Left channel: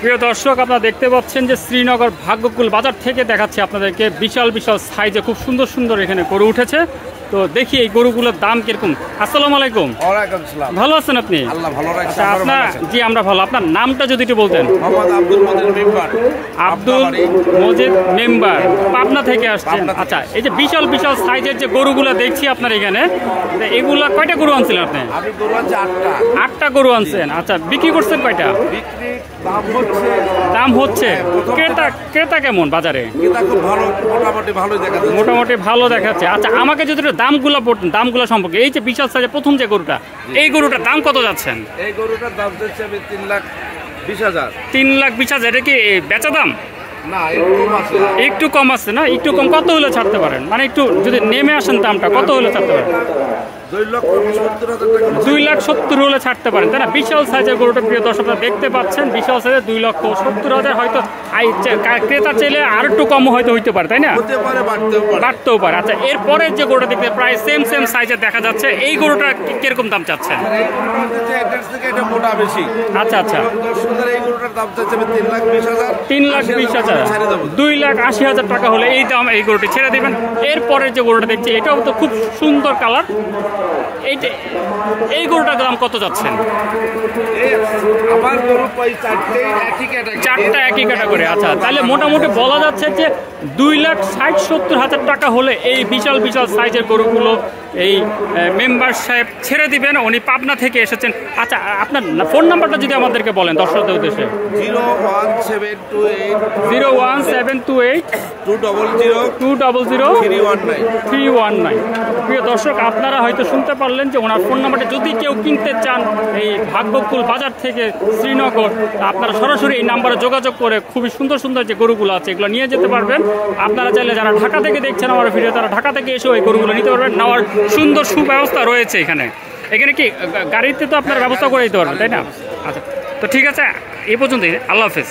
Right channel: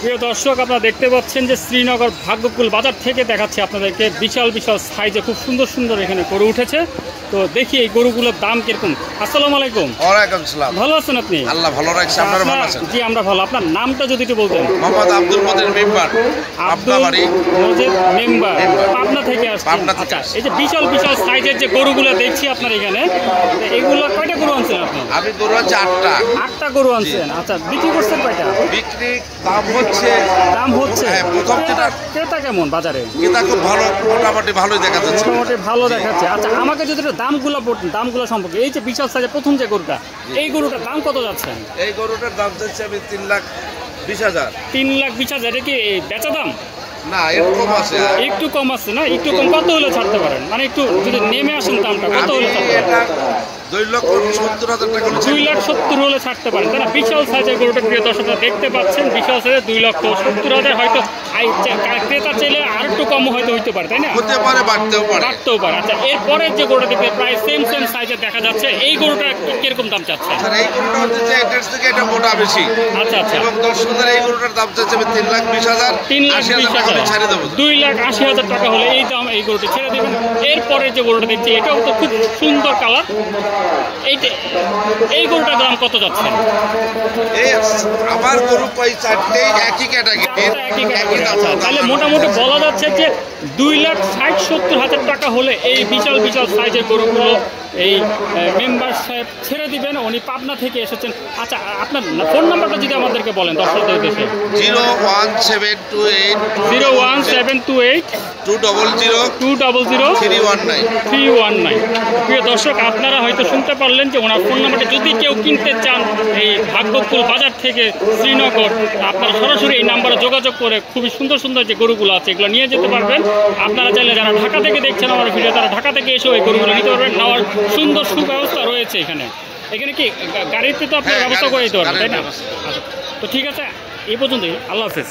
প্রিয় দর্শক, আপনারা দেখতে পাচ্ছেন যে শ্রীনগর ভাগ্যকুল বাজার থেকে দেখাচ্ছে আপনাদেরকে বিশাল বিশাল সাইজে খুব সুন্দর সুন্দর এখানে গরু উঠেছে। তো দেখি এই গরুগুলোর দাম কিরকম। আসসালামু আলাইকুম। ওয়ালাইকুম আসসালাম। ভালো আছেন আপনি? আল্লাহ ভালো রাখছে, আপনারা ভালো আছেন? জি আমরা ভালো। আপনার নামটা যদি একটু বলতেন। মোহাম্মদ আব্দুল মজিদ মেম্বার। আব্দুল মজিদ মেম্বার, পাবনা থেকে আসছেন। আচ্ছা, এই যে বিশাল বিশাল সাইজের যে গরুগুলো দেখছি আপনার এখানে, এগুলো কয়টা গরু আনছিলেন আপনি? আমি গরু আছে 8টা গরু আনছেন। আচ্ছা, বিক্রি করছেন কয়টা? বিক্রি দাম হচ্ছে ক্রেতা কেমন বাজারে? এটা খুব ভালো, মোটামুটি ভালোই দেখা যাচ্ছে। মোটামুটি ভালো দেখাচ্ছে। আচ্ছা, আমাকে যদি একটু দামগুলো সম্পর্কে, এই যে বিশাল সাইজের প্রথম যে গরুটা, এই গরুটার দাম কত যাচ্ছেন? এই গরুটার দাম যাচ্ছে আমি 3,20,000। 3,20,000। এটা কি বেচা দাম? না, একটু কম আছে না? একটু কম কত হলে ছাড়তে পারেন? মানে একটু যদি নেমে আসেন দামটা, কত হলে ছাড়তে পারেন? 2,70,000 টাকা। 2,70,000 হলে ছাড়তে পারেন, তাই না? বিশাল সাইজের গরুটা প্রিয় দর্শক দেখতে পাচ্ছেন, বিশাল সাইজের 2,70,000। হয়তো ক্রেতা চাইলে আর একটু কম হয়তো হইতে পারে, তাই না? বাড়তেও পারে। আচ্ছা, এরপরে যে গরুটা দেখতে প্রায় সেম সাইজের দেখা যাচ্ছে, এই গরুটা কিরকম দাম চাচ্ছেন? আচ্ছা আচ্ছা, এই গরুটার দাম চাচ্ছে 3,20,000। 3,20,000, 2,80,000 টাকা হলে এই দাম এই গরুটি ছেড়ে দিবেন। এরপরে যে গরুটা দেখছি, এটাও তো খুব সুন্দর কালার। এই গরুটার দাম কত যাচ্ছেন? আমার গরু চারটা একই ক্যাটাগরি। আচ্ছা, তাহলে মোটামুটি বলা যাচ্ছে যে 2,60,000-70,000 টাকা হলে এই বিশাল বিশাল সাইজের গরুগুলো এই মেম্বার সাহেব ছেড়ে দিবেন। উনি পাবনা থেকে এসেছেন। আচ্ছা, আপনার ফোন নাম্বারটা যদি আমাদেরকে বলেন দর্শকদের উদ্দেশ্যে। 01728 200 319। প্রিয় দর্শক, আপনারা হয়তো শুনতে পারলেন যে ওনার ফোন নাম্বারটা যদি কেউ কিনতে চান এই ভাগ্যকুল বাজার থেকে শ্রীনগর, আপনারা সরাসরি এই নাম্বারে যোগাযোগ করে খুবই সুন্দর সুন্দর যে গরুগুলো আছে এগুলো নিয়ে যেতে পারবেন। আপনারা চাইলে যারা ঢাকা থেকে দেখছেন আমার ভিডিও, তারা ঢাকা থেকে এসেও এই গরুগুলো নিতে পারবেন। নেওয়ার সুন্দর সুব্যবস্থা রয়েছে এখানে কি গাড়িতে তো আপনার ব্যবস্থা করে দিতে পারবেন, তাই না? আচ্ছা, তো ঠিক আছে, এই পর্যন্তই। আল্লাহ হাফেজ।